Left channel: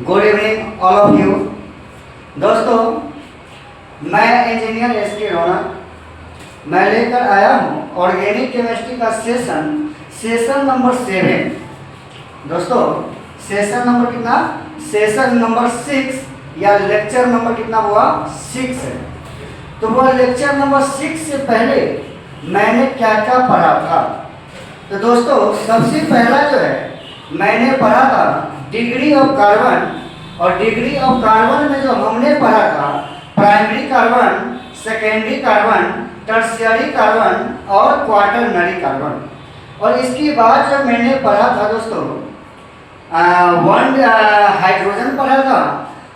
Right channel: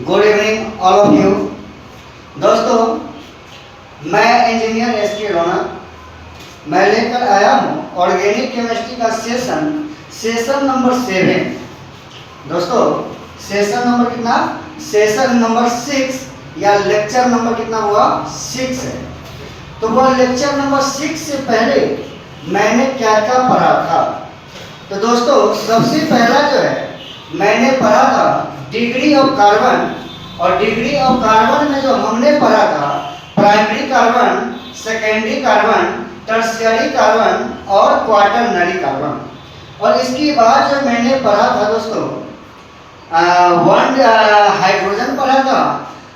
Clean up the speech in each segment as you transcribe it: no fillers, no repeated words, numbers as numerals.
Good evening all of you. दोस्तों, मैं engineer S के रोना, मैं लेकर आया हूँ ऑर्गेनिक केमिस्ट्री का सेशन नंबर 7। दोस्तों, सेशन नंबर कितना? सेशन नंबर 6 या लेक्चर नंबर कितना हुआ? 6 है। तो वो लेक्चर नंबर 6 से पहले मैंने क्या क्या पढ़ा था? तो दोस्तों, सबसे पहला जो है मैंने पढ़ा था डिग्री ऑफ कार्बन, और डिग्री ऑफ कार्बन में जो हमने पढ़ा था primary carbon, secondary carbon, tertiary carbon और क्वाटरनरी कार्बन। और इसके बाद जो मैंने पढ़ा था दोस्तों हाइड्रोजन पढ़ा था,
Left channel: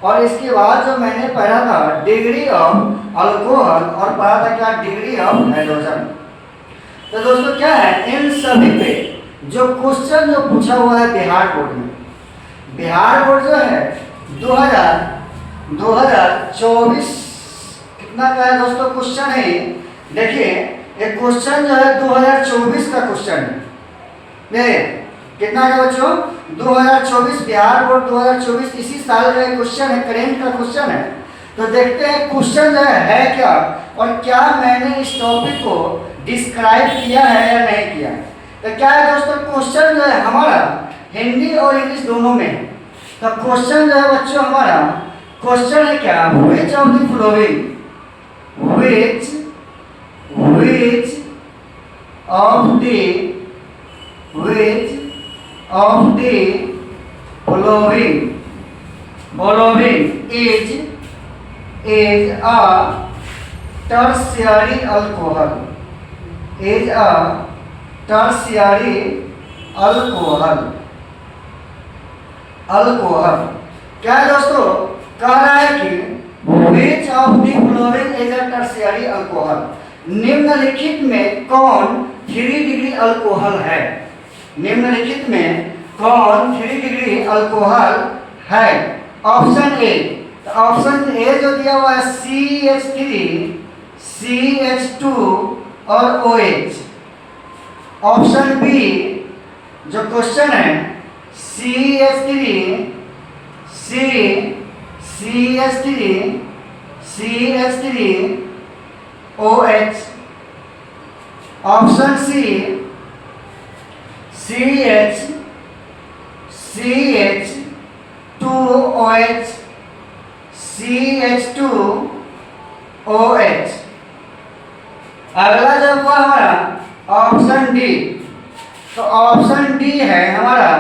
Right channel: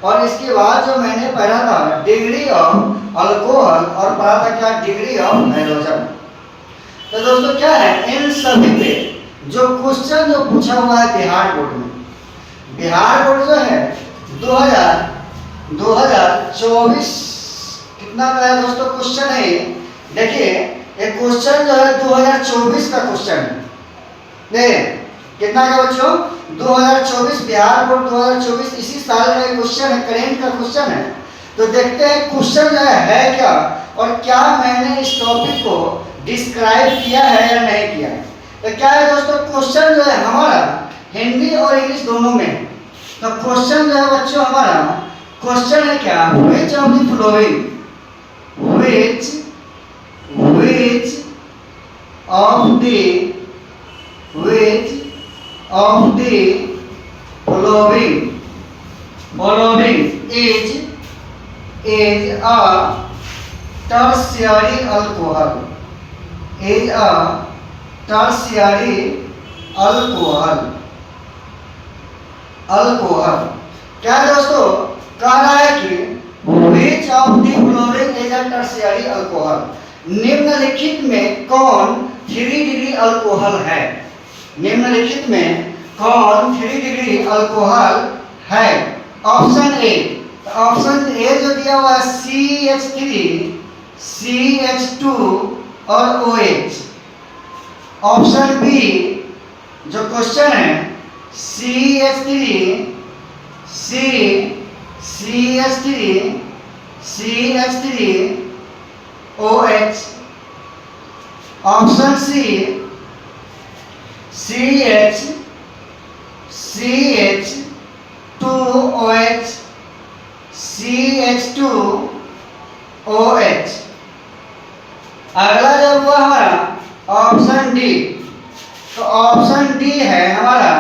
और इसके बाद जो मैंने पढ़ा था डिग्री ऑफ अल्कोहल और पढ़ा था क्या? Degree of hydrogen. तो दोस्तों क्या है, इन सभी पे जो क्वेश्चन जो पूछा हुआ है बिहार बोर्ड में, बिहार बोर्ड जो है 2024 कितना का है दोस्तों क्वेश्चन है। देखिए, एक क्वेश्चन जो है 2024 का क्वेश्चन है। देखिए कितना का बच्चों? 2024, बिहार बोर्ड 2024 इसी साल का क्वेश्चन है, करेंट का क्वेश्चन है। तो देखते हैं क्वेश्चन जो है क्या, और क्या मैंने इस टॉपिक को डिस्क्राइब किया है या नहीं किया है। तो क्या है दोस्तों, क्वेश्चन जो है हमारा हिंदी और इंग्लिश दोनों में है। तो क्वेश्चन जो है बच्चों हमारा क्वेश्चन है क्या? Which of the flowing, which of the following is a tertiary alcohol, is a tertiary alcohol। क्या दोस्तों कह रहा है कि which of the following is a tertiary alcohol, निम्नलिखित में कौन 3 डिग्री अल्कोहल है? निम्नलिखित में कौन 3 डिग्री अल्कोहल है? ऑप्शन ए, ऑप्शन ए जो दिया हुआ है CH3, CH2 और OH। ऑप्शन बी जो क्वेश्चन है CH3, OH। Option C CH2OH, CH2OH। अगला जब हुआ हमारा ऑप्शन डी, तो ऑप्शन डी है हमारा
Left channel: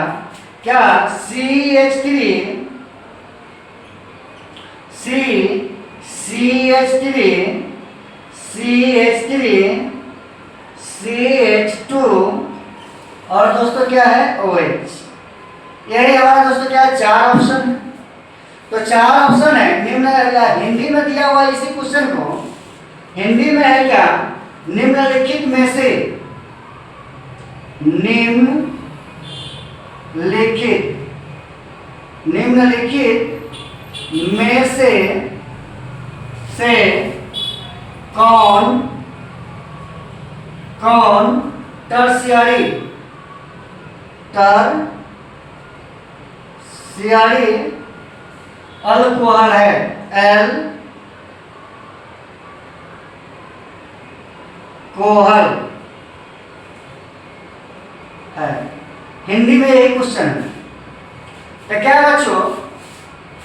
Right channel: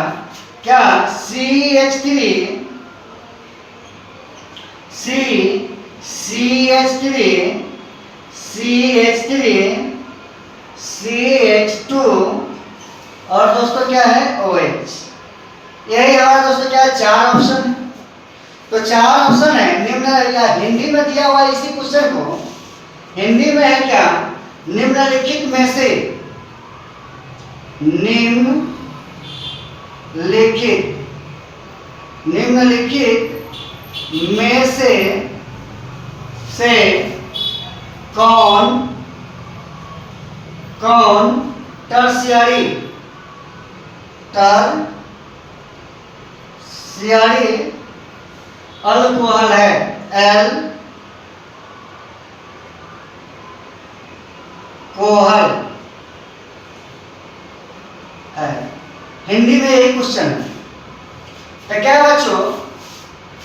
क्या? CH3, CH2 और दोस्तों क्या है? OH। यही हमारा दोस्तों क्या है? 4 ऑप्शन है। तो 4 ऑप्शन है निम्न, हिंदी में दिया हुआ इसी क्वेश्चन को हिंदी में है क्या? निम्नलिखित में से, निम्नलिखित में से कौन टर्शियरी अल्कोहल है? अल्कोहल है। हिंदी में यही क्वेश्चन है। तो क्या बच्चों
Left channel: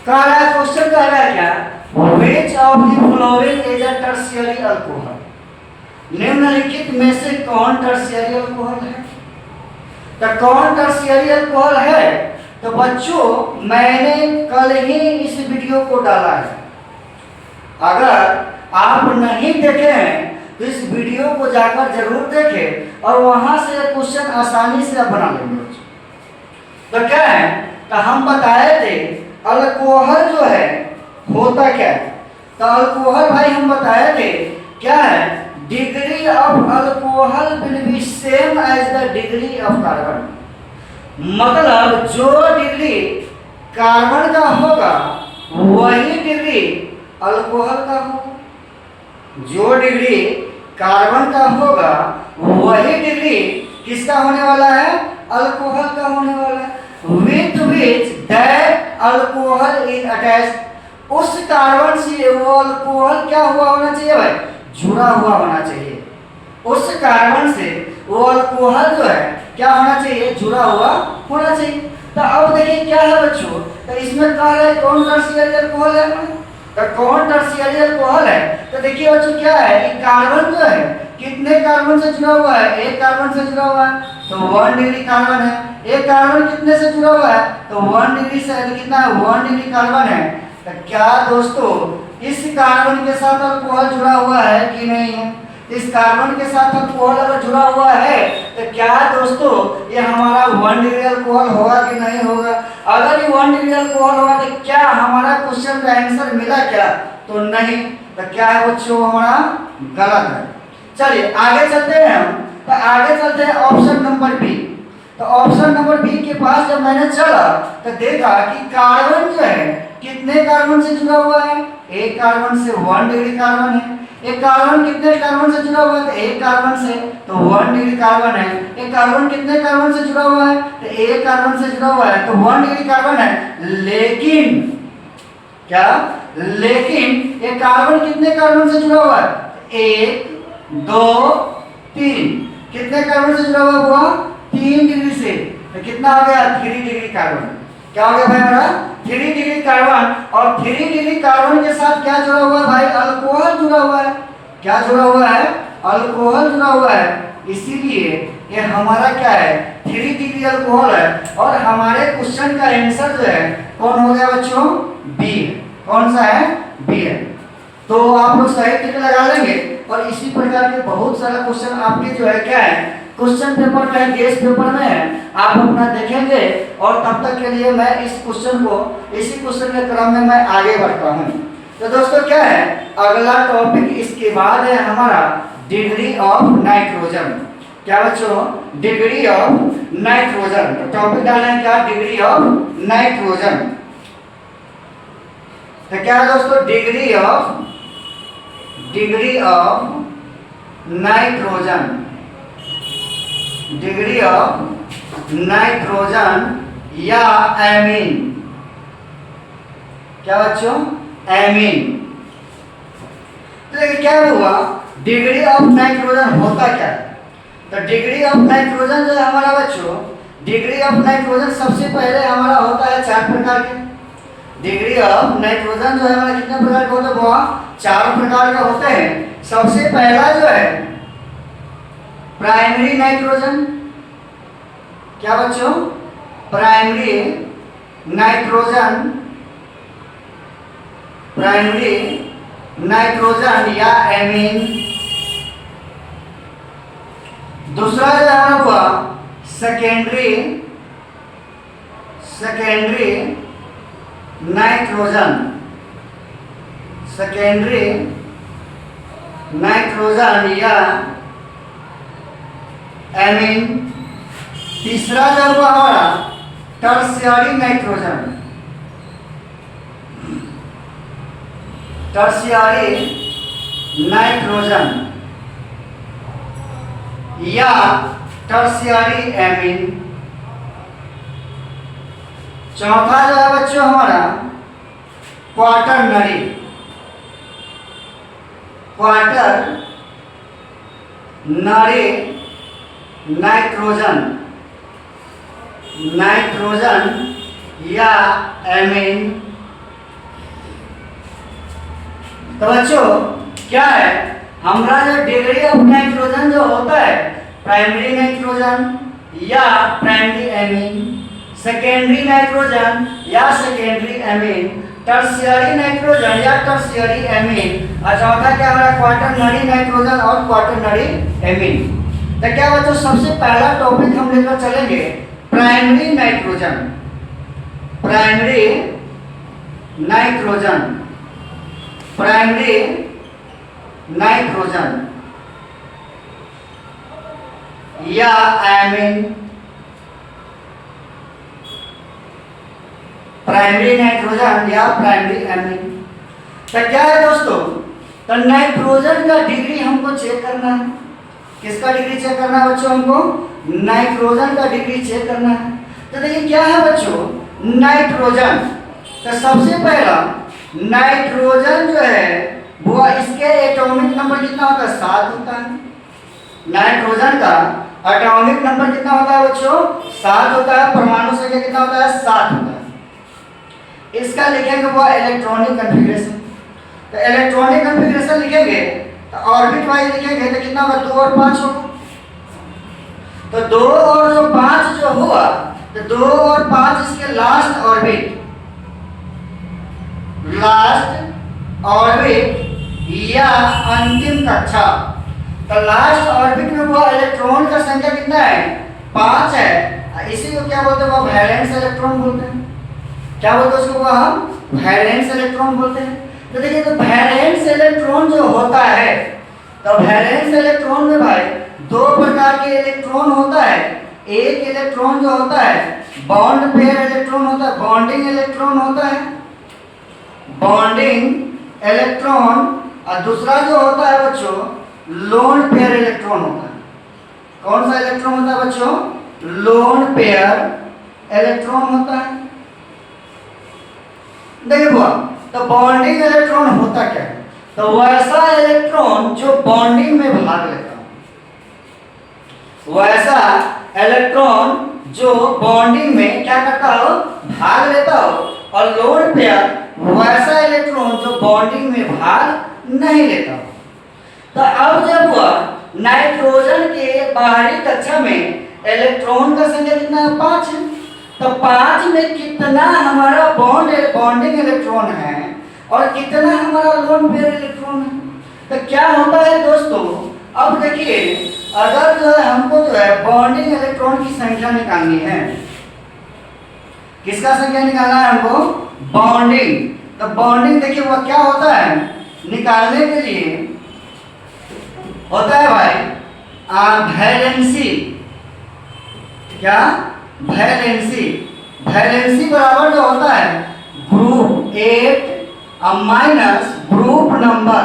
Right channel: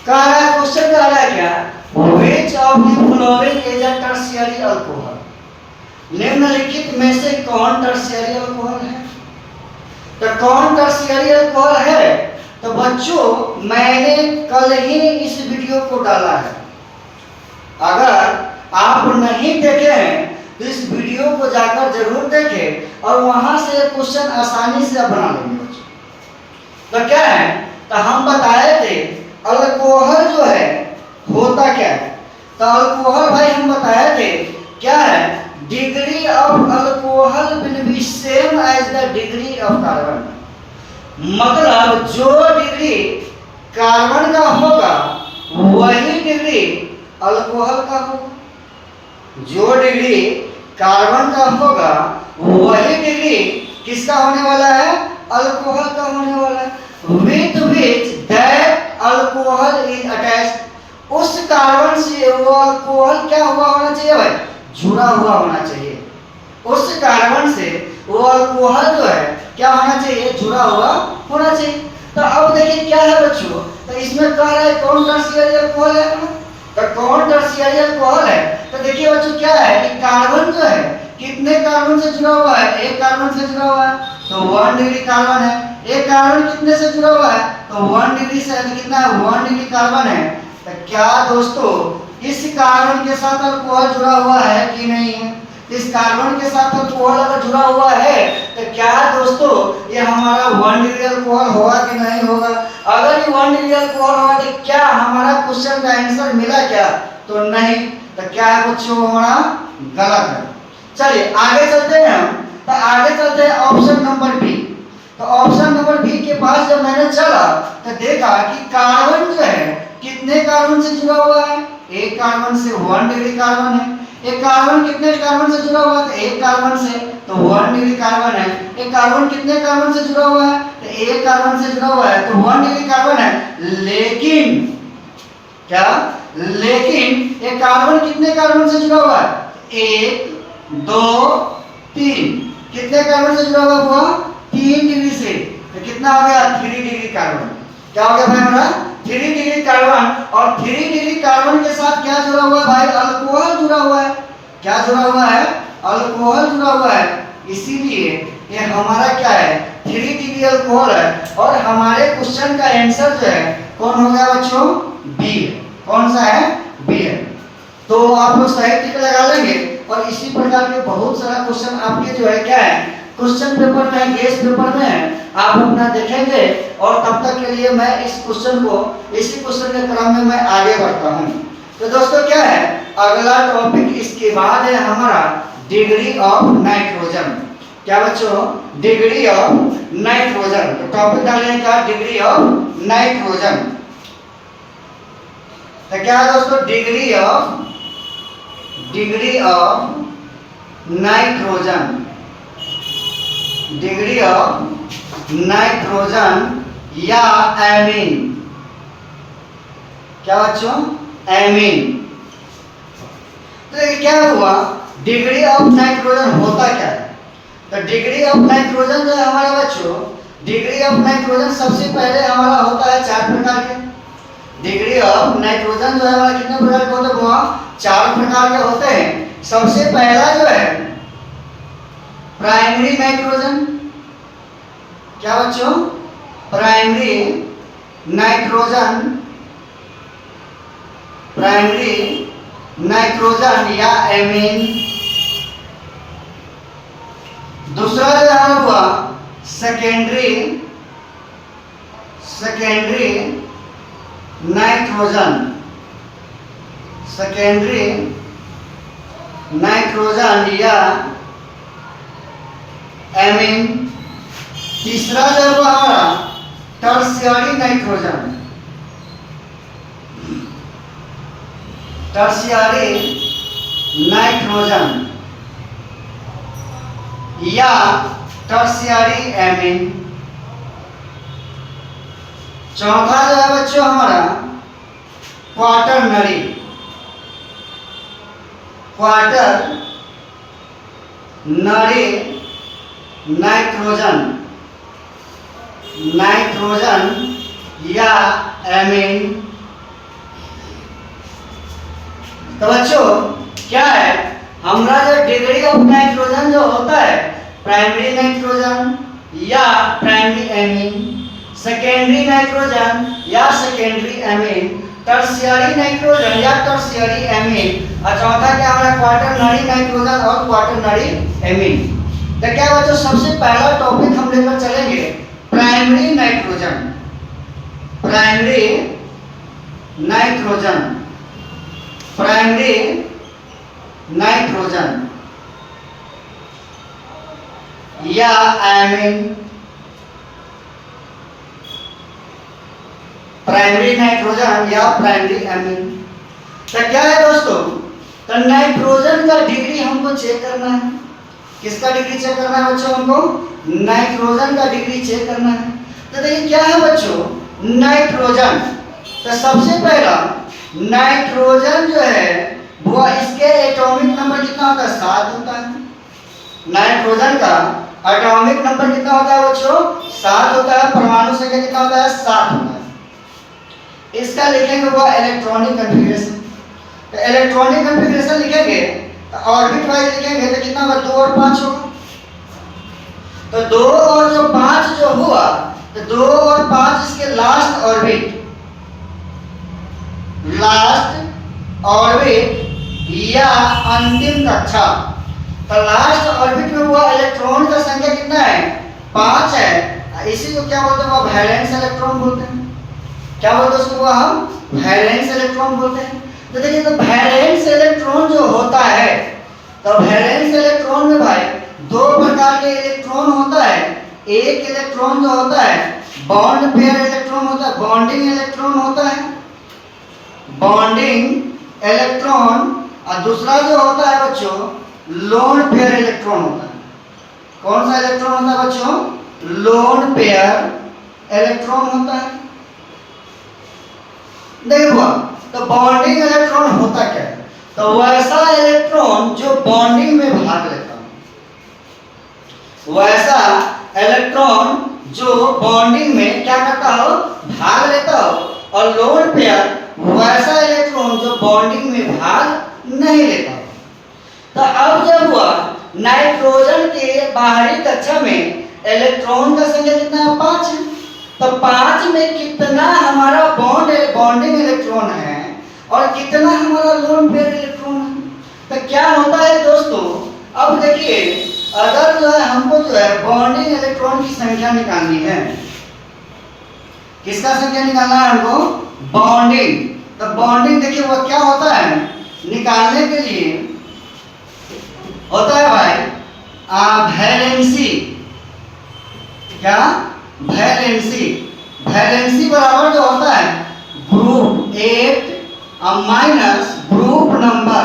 कह रहा है, क्वेश्चन कह रहा है क्या? Which of the following is a tertiary alcohol, निम्नलिखित में से कौन टर्शियरी अल्कोहल है? तो कौन टर्शियरी अल्कोहल है? तो बच्चों मैंने कल ही इस वीडियो को डाला है। अगर आप नहीं देखे हैं तो इस वीडियो को जाकर जरूर देखें, और वहां से क्वेश्चन आसानी से आप बना लेंगे बच्चों। तो क्या है, तो हम बताए थे अल्कोहल जो है होता क्या है। तो अल्कोहल भाई हम बताए थे क्या है? Degree of alcohol will be same as the degree of carbon. मतलब जो डिग्री कार्बन का होगा वही डिग्री अल्कोहल का होगा। जो डिग्री कार्बन का होगा वही डिग्री किसका होने वाला है? अल्कोहल का होने वाला है। With which that alcohol alcohol is attached, उस कार्बन से वो अल्कोहल क्या हुआ होना चाहिए भाई, जुड़ा हुआ होना चाहिए। उस कार्बन से वो अल्कोहल जो है क्या होना चाहिए, जुड़ा हुआ होना चाहिए। तो अब देखिए क्या है बच्चों, तो इसमें कह रहा है कौन टर्शियरी अल्कोहल है, तो कौन टर्शियरी अल्कोहल है। तो देखिए बच्चों क्या है कि कार्बन जो है कितने कार्बन से जुड़ा हुआ है, एक कार्बन से जुड़ा हुआ है, तो 1 डिग्री कार्बन है। एक कार्बन कितने से जुड़ा हुआ है, तो 1 डिग्री से, तो कितना है 1 डिग्री कार्बन है। तो क्या दोस्तों इस कार्बन के साथ अल्कोहल जुड़ा हुआ है कि नहीं है, इस कार्बन के साथ अल्कोहल अगर जुड़ा हुआ है तो क्या दोस्तों ये हमारा 1 डिग्री अल्कोहल होगा कि नहीं होगा। अगर ये 1 डिग्री अल्कोहल होगा तो क्या हमारा क्वेश्चन का आंसर मिला क्या, तो नहीं। तो क्या है बच्चों, हमारा गलत है। चलिए आगे चलते हैं हम, तो आगे चलते हैं ऑप्शन नंबर बी। तो ऑप्शन नंबर बी के पास जब मैंने चला तो देखा कि कार्बन जो है कितने कार्बन से जुड़ा हुआ है, एक कार्बन से 1 डिग्री कार्बन है। एक कार्बन कितने कार्बन से जुड़ा हुआ है, तो एक कार्बन से, तो 1 डिग्री कार्बन है। एक कार्बन कितने कार्बन से जुड़ा हुआ है, तो एक कार्बन से जुड़ा हुआ है, तो 1 डिग्री कार्बन है। लेकिन क्या, लेकिन एक कार्बन कितने कार्बन से जुड़ा हुआ है, 1 2 3, कितने कार्बन से जुड़ा हुआ, 3 डिग्री से, तो कितना हो गया 3 डिग्री कार्बन। क्या हो गया भाई हमारा 3 डिग्री कार्बन, और 3 डिग्री कार्बन के साथ क्या जुड़ा हुआ है भाई, अल्कोहल जुड़ा हुआ है। क्या जुड़ा हुआ है, अल्कोहल जुड़ा हुआ है। इसीलिए ये हमारा क्या है 3 डिग्री अल्कोहल है, और हमारे क्वेश्चन का आंसर जो है कौन हो गया बच्चों, बी है। कौन सा है, बी है। तो आप लोग सही टिक लगा लेंगे, और इसी प्रकार के बहुत सारा क्वेश्चन आपके जो है क्या है क्वेश्चन पेपर में, गेस पेपर में आप अपना देखेंगे। और तब तक के लिए मैं इस क्वेश्चन को, इसी क्वेश्चन के क्रम में मैं आगे बढ़ता हूँ। तो दोस्तों क्या है अगला टॉपिक इसके बाद है हमारा डिग्री ऑफ नाइट्रोजन। क्या बच्चों, डिग्री ऑफ नाइट्रोजन। तो टॉपिक डालने का डिग्री ऑफ नाइट्रोजन। तो क्या है दोस्तों, degree of nitrogen, degree of nitrogen या एमीन। क्या बच्चों, एमीन। तो क्या हुआ, डिग्री ऑफ नाइट्रोजन होता क्या है। तो डिग्री ऑफ नाइट्रोजन जो है हमारा बच्चों, डिग्री ऑफ नाइट्रोजन सबसे पहले हमारा होता है 4 प्रकार के। डिग्री ऑफ नाइट्रोजन जो है हमारा कितने प्रकार के होते हैं, वहाँ 4 प्रकार के होते हैं। सबसे पहला जो है प्राइमरी नाइट्रोजन। क्या बच्चों, प्राइमरी नाइट्रोजन, प्राइमरी नाइट्रोजन या एमीन। दूसरा जो है हुआ सेकेंडरी नाइट्रोजन, सेकेंडरी नाइट्रोजन या एमीन। तीसरा जो हुआ हमारा टर्शियरी नाइट्रोजन, टर्शियरी नाइट्रोजन या टर्शियरी एमीन। चौथा जो है बच्चों हमारा क्वाटरनरी, क्वाटरनरी नाइट्रोजन, नाइट्रोजन या एमीन। तो बच्चों क्या है हमारा जो डिग्री ऑफ नाइट्रोजन जो होता है, प्राइमरी नाइट्रोजन या प्राइमरी एमीन, सेकेंडरी नाइट्रोजन या सेकेंडरी एमीन, टर्शियरी नाइट्रोजन या टर्शियरी एमीन, और चौथा क्या हमारा क्वाटरनरी नाइट्रोजन और क्वाटरनरी एमीन। तो क्या बच्चों सबसे पहला टॉपिक हम लेकर चलेंगे primary nitrogen, primary nitrogen, primary nitrogen या एमीन। प्राइमरी नाइट्रोजन या प्राइमरी एमीन। तो क्या है दोस्तों, तो नाइट्रोजन का डिग्री हमको चेक करना है। किसका डिग्री चेक करना है बच्चों, हमको नाइट्रोजन का डिग्री चेक करना है। तो देखिए क्या है बच्चों, नाइट्रोजन तो सबसे पहला नाइट्रोजन जो है वो इसके एटॉमिक नंबर कितना होता है? 7 होता है। नाइट्रोजन का एटॉमिक नंबर कितना होता है बच्चों? 7 होता है। परमाणु संख्या कितना होता है? 7 होता है। इसका लिखेंगे वो इलेक्ट्रॉनिक कॉन्फ़िगरेशन। तो इलेक्ट्रॉनिक कॉन्फ़िगरेशन लिखेंगे तो ऑर्बिट वाइज लिखेंगे तो कितना होगा? 2 और 5 होगा। तो 2 और जो 5 जो हुआ तो 2 और 5 इसके लास्ट ऑर्बिट या अंतिम कक्षा। तो लास्ट ऑर्बिट में हुआ इलेक्ट्रॉन का संख्या कितना है? 5 है। इसी को क्या बोलते हैं? वो वैलेंस इलेक्ट्रॉन बोलते हैं। क्या बोलते हैं उसको? हम वैलेंस इलेक्ट्रॉन बोलते हैं। तो देखिए, तो वैलेंस इलेक्ट्रॉन जो होता है, तो वैलेंस इलेक्ट्रॉन में भाई 2 प्रकार के इलेक्ट्रॉन होता है। एक इलेक्ट्रॉन जो होता है बॉन्ड पेयर इलेक्ट्रॉन होता है, बॉन्डिंग इलेक्ट्रॉन होता है, बॉन्डिंग इलेक्ट्रॉन। और दूसरा जो होता है बच्चों लोन पेयर इलेक्ट्रॉन होता है। कौन सा इलेक्ट्रॉन होता है बच्चों? लोन पेयर इलेक्ट्रॉन होता है। देखो, तो बॉन्डिंग इलेक्ट्रॉन होता क्या है? तो वैसा इलेक्ट्रॉन जो बॉन्डिंग में भाग लेता हो, वैसा इलेक्ट्रॉन जो बॉन्डिंग में क्या करता हो? भाग लेता हो। और लोन पेयर वैसा इलेक्ट्रॉन जो बॉन्डिंग में भाग नहीं लेता हो। तो अब जब हुआ नाइट्रोजन के बाहरी कक्षा में इलेक्ट्रॉन का संख्या कितना है? 5 है। तो 5 में कितना हमारा बॉन्डिंग इलेक्ट्रॉन है और कितना हमारा लोन पेयर इलेक्ट्रॉन है? तो क्या होता है दोस्तों, अब देखिए, अगर जो है हमको जो है बॉन्डिंग इलेक्ट्रॉन की संख्या निकालनी है, किसका संख्या निकालना है हमको? बॉन्डिंग। तो बॉन्डिंग देखिए वो क्या होता है निकालने के लिए? होता है भाई वैलेंसी। क्या? वैलेंसी। वैलेंसी बराबर जो होता है ग्रुप 8 माइनस ग्रुप नंबर।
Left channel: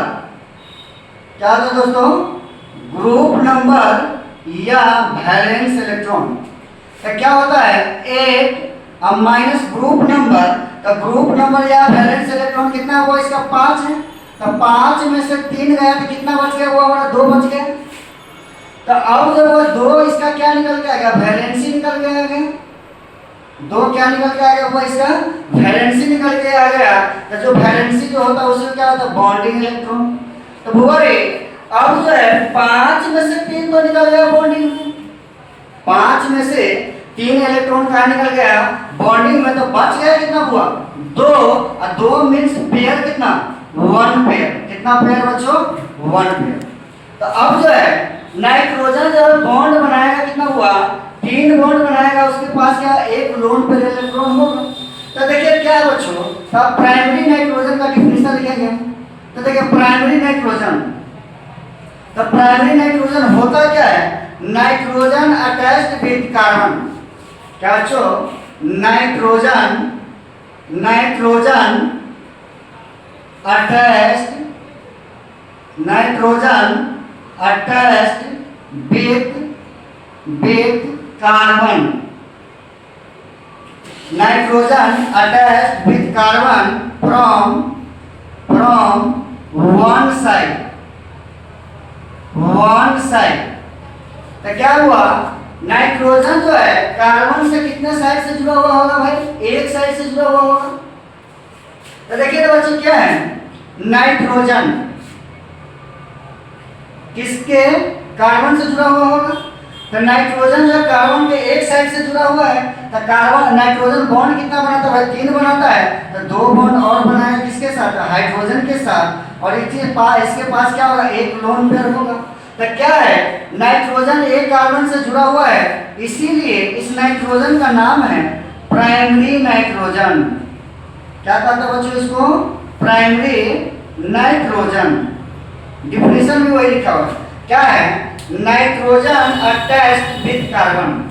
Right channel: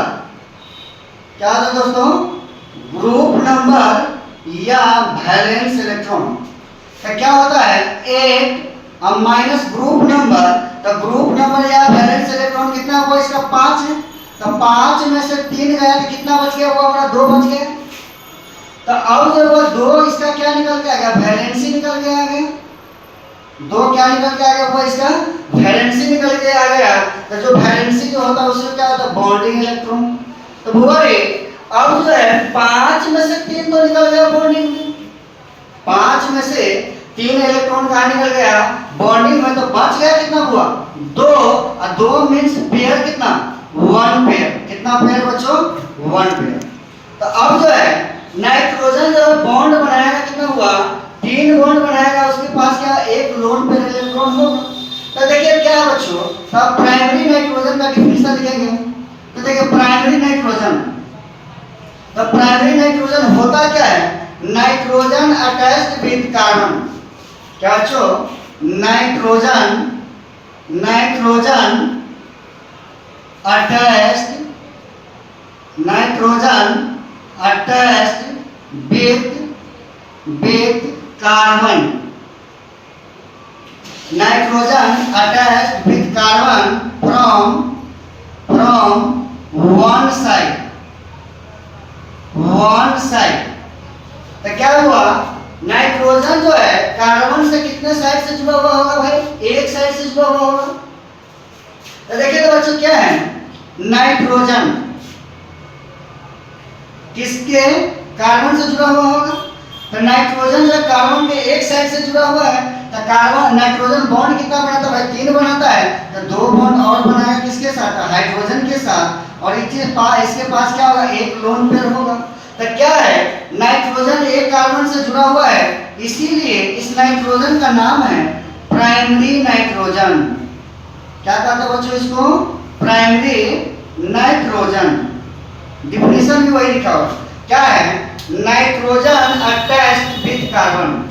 क्या होता है दोस्तों? ग्रुप नंबर या वैलेंस इलेक्ट्रॉन। तो क्या होता है 8 माइनस ग्रुप नंबर। तो ग्रुप नंबर या वैलेंस इलेक्ट्रॉन कितना हुआ? इसका 5 है। तो 5 में से 3 गया तो कितना बच गया? वो हमारा 2 बच गया। तो अब जब वो 2 इसका क्या निकल के आ गया? वैलेंसी निकल के आ गया। 2 क्या निकल के आ गया? वो इसका वैलेंसी निकल के आ गया। तो जो वैलेंसी जो होता है उसमें क्या होता है? Bonding electron. तो वो अब जो है 5 में से 3 तो निकल गया बॉन्डिंग में। 5 में से 3 इलेक्ट्रॉन कहाँ निकल गया? बॉन्डिंग में। तो बच गया कितना हुआ? 2। और 2 मीन्स पेयर कितना? 1 पेयर। कितना पेयर बच्चों? 1 पेयर। तो अब जो है नाइट्रोजन जब बॉन्ड बनाएगा कितना हुआ? 3 बॉन्ड बनाएगा। उसके पास क्या? 1 लोन पेयर इलेक्ट्रॉन होगा। तो देखिए क्या बच्चों, तो आप प्राइमरी नाइट्रोजन का डिफिनेशन लिखेंगे। तो देखिए प्राइमरी नाइट्रोजन, तो प्राइमरी नाइट्रोजन होता क्या है? Nitrogen attached with carbon. क्या बच्चों? Nitrogen attached with carbon. Nitrogen attached with carbon from one side. तो क्या हुआ? नाइट्रोजन जो है कार्बन से कितने साइड से जुड़ा हुआ होगा भाई? एक साइड से जुड़ा हुआ होगा। तो देखिए तो बच्चों क्या है? नाइट्रोजन किसके? कार्बन से जुड़ा हुआ होगा। तो नाइट्रोजन जो कार्बन के एक साइड से जुड़ा हुआ है, तो कार्बन नाइट्रोजन बॉन्ड कितना बनाता है भाई? 3 बनाता है। तो 2 बॉन्ड और बनाया किसके साथ? हाइड्रोजन के साथ। और इसके पास क्या होगा? 1 लोन पेयर होगा। तो क्या है? नाइट्रोजन एक कार्बन से जुड़ा हुआ है, इसीलिए इस नाइट्रोजन का नाम है प्राइमरी नाइट्रोजन। क्या कहते हैं बच्चों इसको? Primary nitrogen. डिफिनेशन भी वही लिखा हुआ है। क्या है? Nitrogen attached with carbon.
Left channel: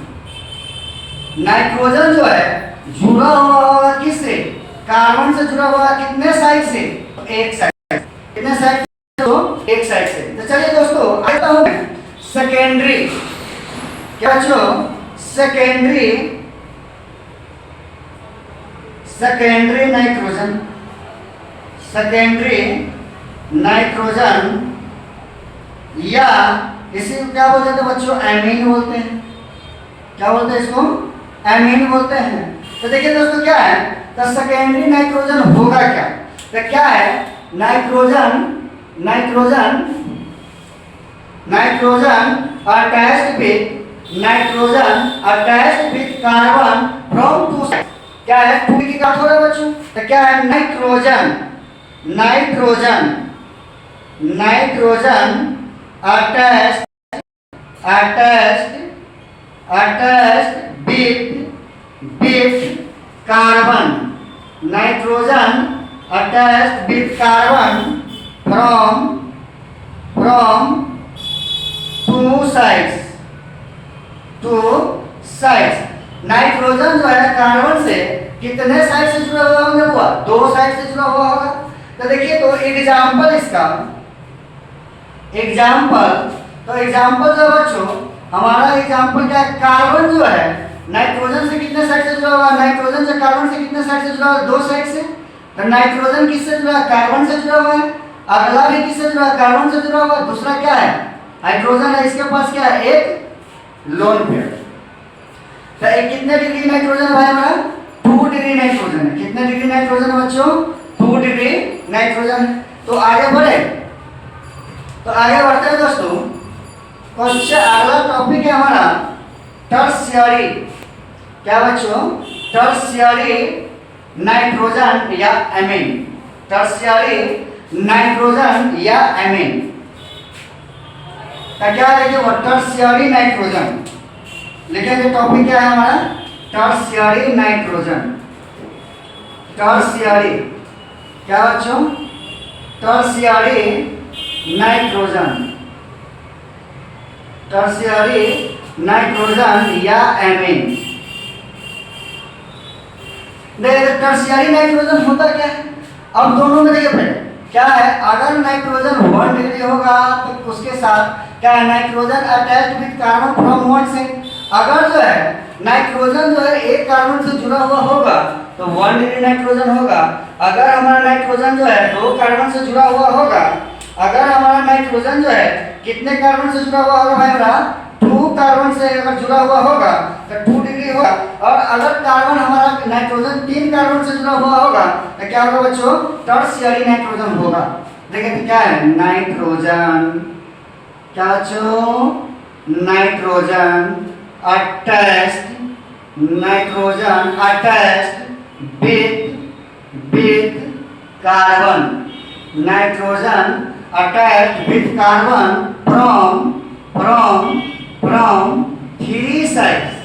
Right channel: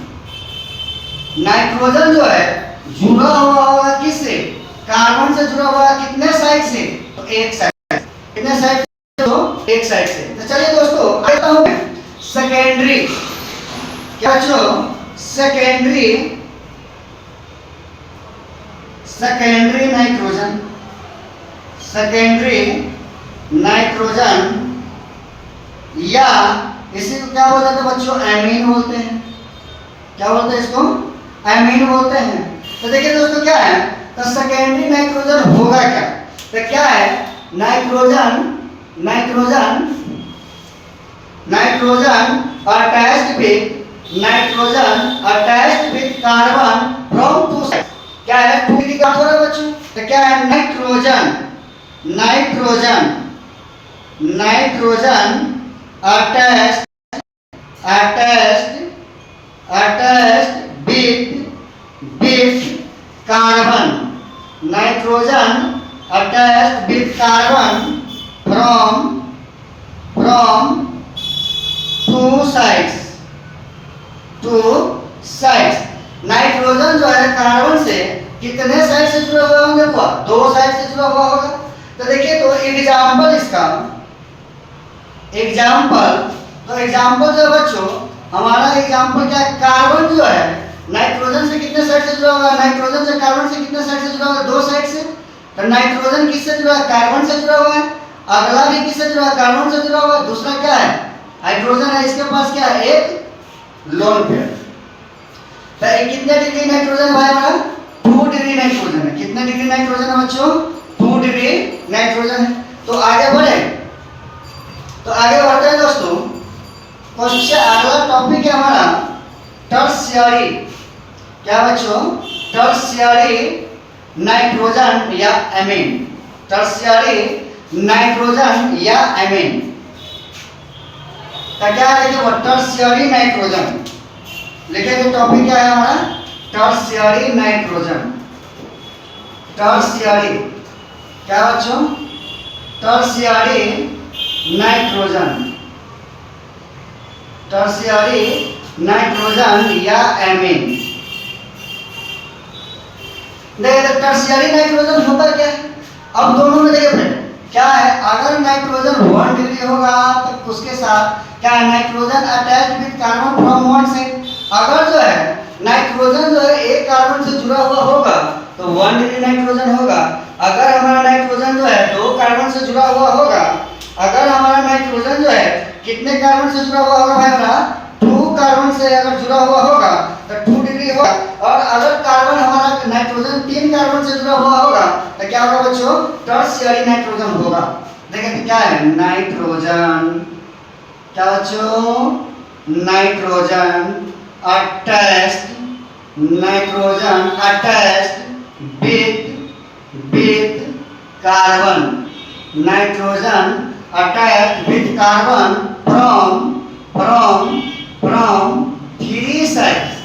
Nitrogen जो है जुड़ा हुआ होगा किससे? कार्बन से जुड़ा हुआ। कितने साइड से? तो एक साइड। कितने साइड? तो एक साइड से। तो चलिए दोस्तों आता हूं सेकेंडरी। क्या बच्चों? सेकेंडरी नाइट्रोजन, सेकेंडरी नाइट्रोजन, या इसी को क्या बोलते हैं बच्चों, एमीन बोलते हैं। क्या बोलते हैं इसको, एमीन बोलते हैं। तो देखिए दोस्तों क्या है, तो सेकेंडरी नाइट्रोजन होगा क्या, तो क्या है, nitrogen nitrogen nitrogen attached with carbon from two side. क्या है, टू की क्या हो रहा है बच्चों, तो क्या है, nitrogen nitrogen nitrogen attached with carbon, nitrogen attached with carbon from two sides. Nitrogen जो है कार्बन से कितने साइड से जुड़ा हुआ होंगे, हुआ दो साइड से जुड़ा हुआ होगा। तो देखिए, तो एग्जाम्पल इसका, एग्जाम्पल जो बच्चों हमारा एग्जाम्पल क्या है, कार्बन जो है नाइट्रोजन से कितने साइड से जुड़ा हुआ है, नाइट्रोजन से कार्बन से कितने साइड से जुड़ा हुआ है, दो साइड से। तो नाइट्रोजन किससे जुड़ा है, कार्बन से जुड़ा हुआ है। अगला भी किससे जुड़ा है, कार्बन से जुड़ा हुआ है। दूसरा क्या है, हाइड्रोजन है, इसके पास क्या है, एक लोन पेयर। तो कितने डिग्री नाइट्रोजन है भाई हमारा, 2 डिग्री नाइट्रोजन है। कितने डिग्री नाइट्रोजन है बच्चों, 2 डिग्री नाइट्रोजन है। तो आगे बढ़े, तो आगे बढ़ते हैं दोस्तों, क्वेश्चन अगला टॉपिक है हमारा टर्शियरी। क्या बच्चों, टर्शियरी नाइट्रोजन या एमीन, टर्शियरी नाइट्रोजन या एमीन। तो क्या है, टर्शियरी नाइट्रोजन लिखे, टॉपिक क्या है हमारा, टर्शियरी नाइट्रोजन। टर्शियरी क्या बच्चों, टर्शियरी नाइट्रोजन, टर्शियरी नाइट्रोजन या एमीन। देखिए टर्शियरी नाइट्रोजन होता क्या है, अब दोनों में देखिए फ्रेंड क्या है, अगर नाइट्रोजन 1 डिग्री होगा तो उसके साथ क्या है, nitrogen attached with carbon from one side. अगर जो है नाइट्रोजन जो है एक कार्बन से जुड़ा हुआ होगा तो 1 डिग्री नाइट्रोजन होगा। अगर हमारा नाइट्रोजन जो है 2 कार्बन से जुड़ा हुआ होगा, अगर हमारा नाइट्रोजन जो है कितने कार्बन से जुड़ा हुआ होगा भाई हमारा, 2 कार्बन से अगर जुड़ा हुआ होगा तो 2 डिग्री होगा। और अगर कार्बन हमारा नाइट्रोजन 3 कार्बन से जुड़ा हुआ होगा तो क्या होगा बच्चों, टर्शियरी नाइट्रोजन होगा। देखिए क्या है, नाइट्रोजन, क्या बच्चों, nitrogen attached with carbon, nitrogen attached with carbon from 3 sides.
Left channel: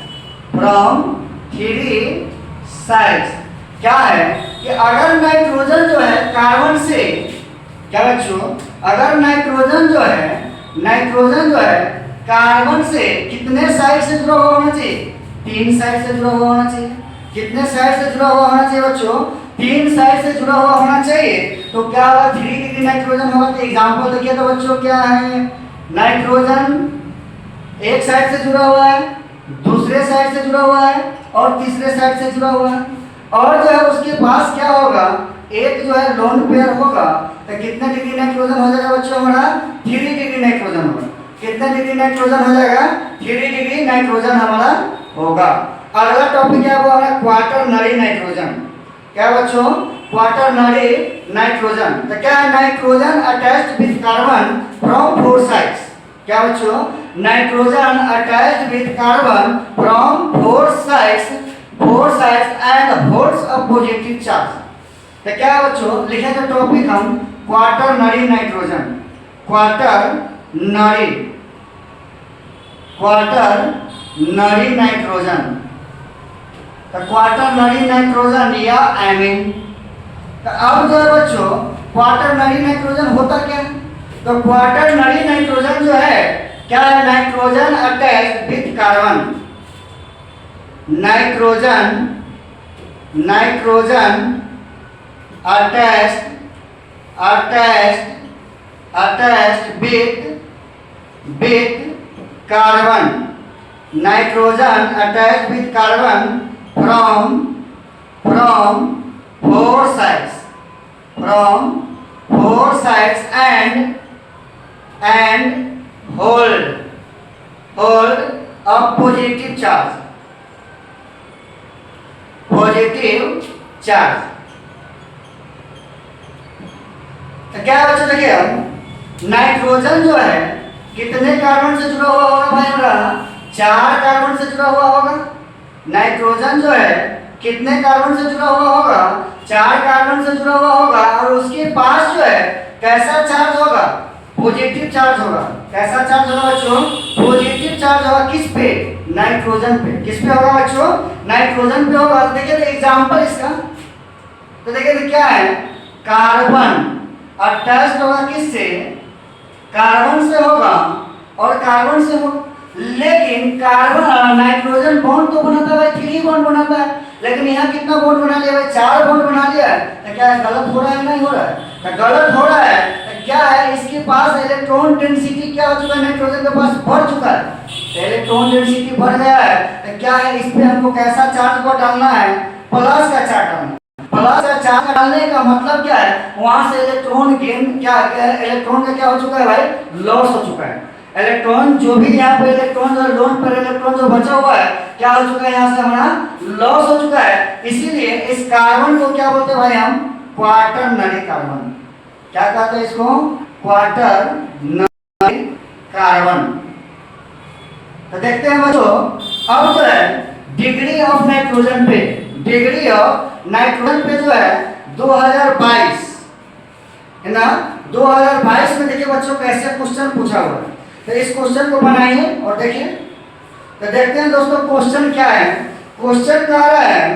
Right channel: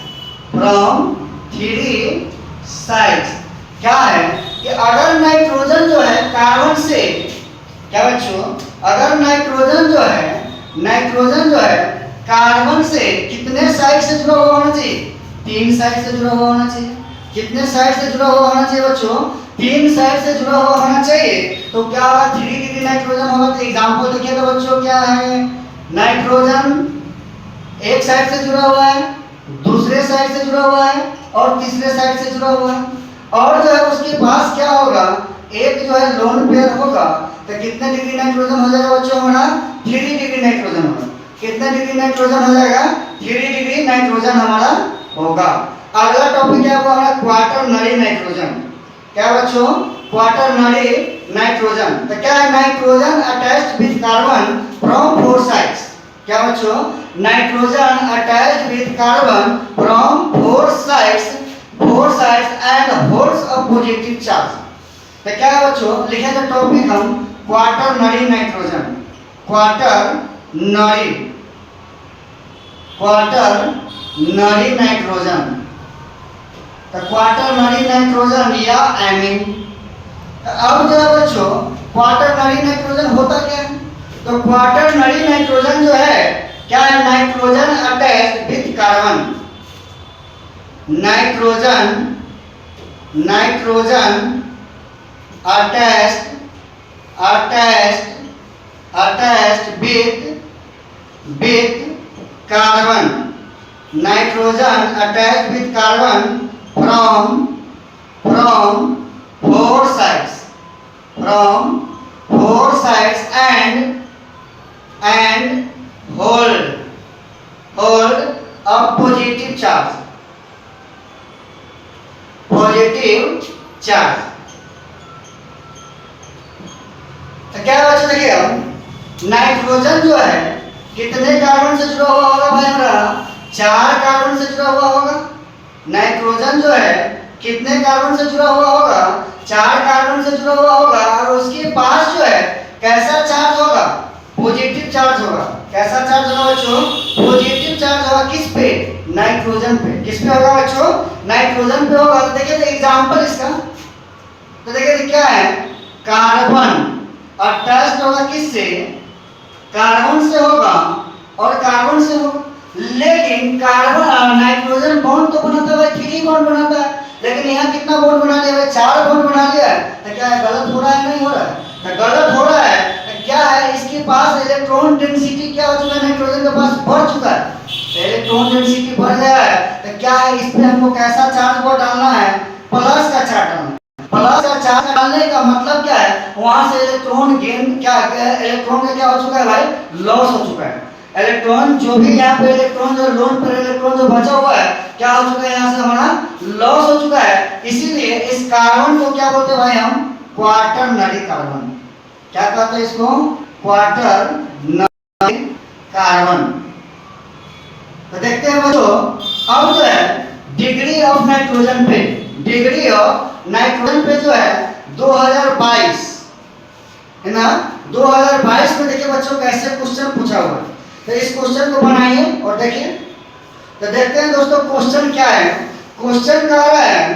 क्या है कि अगर नाइट्रोजन जो है कार्बन से, क्या बच्चों, अगर नाइट्रोजन जो है कार्बन से कितने साइड से जुड़ा हुआ होना चाहिए, 3 साइड से जुड़ा हुआ होना चाहिए। कितने साइड से जुड़ा हुआ होना चाहिए बच्चों, 3 साइड से जुड़ा हुआ होना चाहिए। तो क्या होगा, 3 डिग्री नाइट्रोजन होगा। तो एग्जांपल देखिए तो बच्चों क्या है, नाइट्रोजन एक साइड से जुड़ा हुआ है, दूसरे साइड से जुड़ा हुआ है और तीसरे साइड से जुड़ा हुआ है। और जो है उसके पास क्या होगा, एक जो है लोन पेयर होगा। तो कितने डिग्री नाइट्रोजन हो जाएगा बच्चों हमारा, 3 डिग्री नाइट्रोजन होगा। कितने डिग्री नाइट्रोजन हो जाएगा, 3 डिग्री नाइट्रोजन हमारा होगा। अगला टॉपिक है वो हमारा क्वाटरनरी नाइट्रोजन। क्या बच्चों, क्वाटरनरी नाइट्रोजन। तो क्या है, nitrogen attached with carbon from 4 sides. क्या बच्चों, nitrogen attached with carbon from 4 sides and holds a positive charge. तो क्या है बच्चों, लिखे तो टॉपिक हम क्वाटरनरी नाइट्रोजन, क्वाटरनरी नाइट्रोजन। तो क्वाटरनरी नाइट्रोजन या एमीन। तो अब जो है बच्चों क्वाटरनरी नाइट्रोजन होता क्या है, तो क्वाटरनरी नाइट्रोजन जो है क्या है, nitrogen attached with carbon, nitrogen attached with carbon, nitrogen attached with carbon from four sides, from four sides and hold a positive charge, positive charge। तो क्या बच्चों देखिए, हम नाइट्रोजन जो है कितने कार्बन से जुड़ा हुआ होगा भाई हमारा? 4 कार्बन से जुड़ा हुआ होगा। नाइट्रोजन जो है कितने कार्बन से जुड़ा हुआ होगा? 4 कार्बन से जुड़ा हुआ होगा। और उसके पास जो है कैसा चार्ज होगा? पॉजिटिव चार्ज होगा। कैसा चार्ज होगा बच्चों? पॉजिटिव चार्ज होगा। किस पे? नाइट्रोजन पे। किस पे होगा बच्चों? नाइट्रोजन पे होगा। तो देखिए एग्जांपल इसका, तो देखिए क्या है, कार्बन अटैच्ड होगा किससे? कार्बन से होगा और कार्बन से होगा। लेकिन कार्बन नाइट्रोजन बॉन्ड तो बनाता है, 3 बॉन्ड बनाता है, लेकिन यहाँ कितना बॉन्ड बना लिया भाई? 4 बॉन्ड बना लिया है। तो क्या है, गलत हो रहा है? नहीं हो रहा है। तो गलत हो रहा है तो क्या है, इसके पास इलेक्ट्रॉन डेंसिटी क्या हो चुका है? नाइट्रोजन के पास बढ़ चुका है। इलेक्ट्रॉन डेंसिटी बढ़ गया है तो क्या है, इस पे हमको कैसा चार्ज को डालना है? प्लस का चार्ज डालना है। प्लस का चार्ज डालने का मतलब क्या है, वहां से इलेक्ट्रॉन गेन क्या है, इलेक्ट्रॉन का क्या हो चुका है भाई? लॉस हो चुका है। इलेक्ट्रॉन जो भी यहाँ पे इलेक्ट्रॉन जो लोन पर इलेक्ट्रॉन जो बचा हुआ है क्या हो चुका है, यहाँ से हमारा लॉस हो चुका है। इसीलिए इस कार्बन को क्या बोलते हैं भाई हम? Quaternary carbon. क्या कहते हैं इसको? Quaternary carbon. तो देखते हैं बच्चों, अब जो है डिग्री ऑफ नाइट्रोजन पे, डिग्री ऑफ नाइट्रोजन पे जो है 2022 है ना, 2022 में देखिए बच्चों कैसे क्वेश्चन पूछा हुआ है। तो इस क्वेश्चन को बनाइए और देखिए। तो देखते हैं दोस्तों क्वेश्चन क्या है। क्वेश्चन क्या आ रहा है?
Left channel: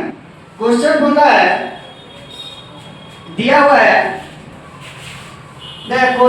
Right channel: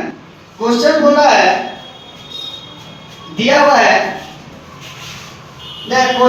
क्वेश्चन बोल रहा है, दिया हुआ है, देखो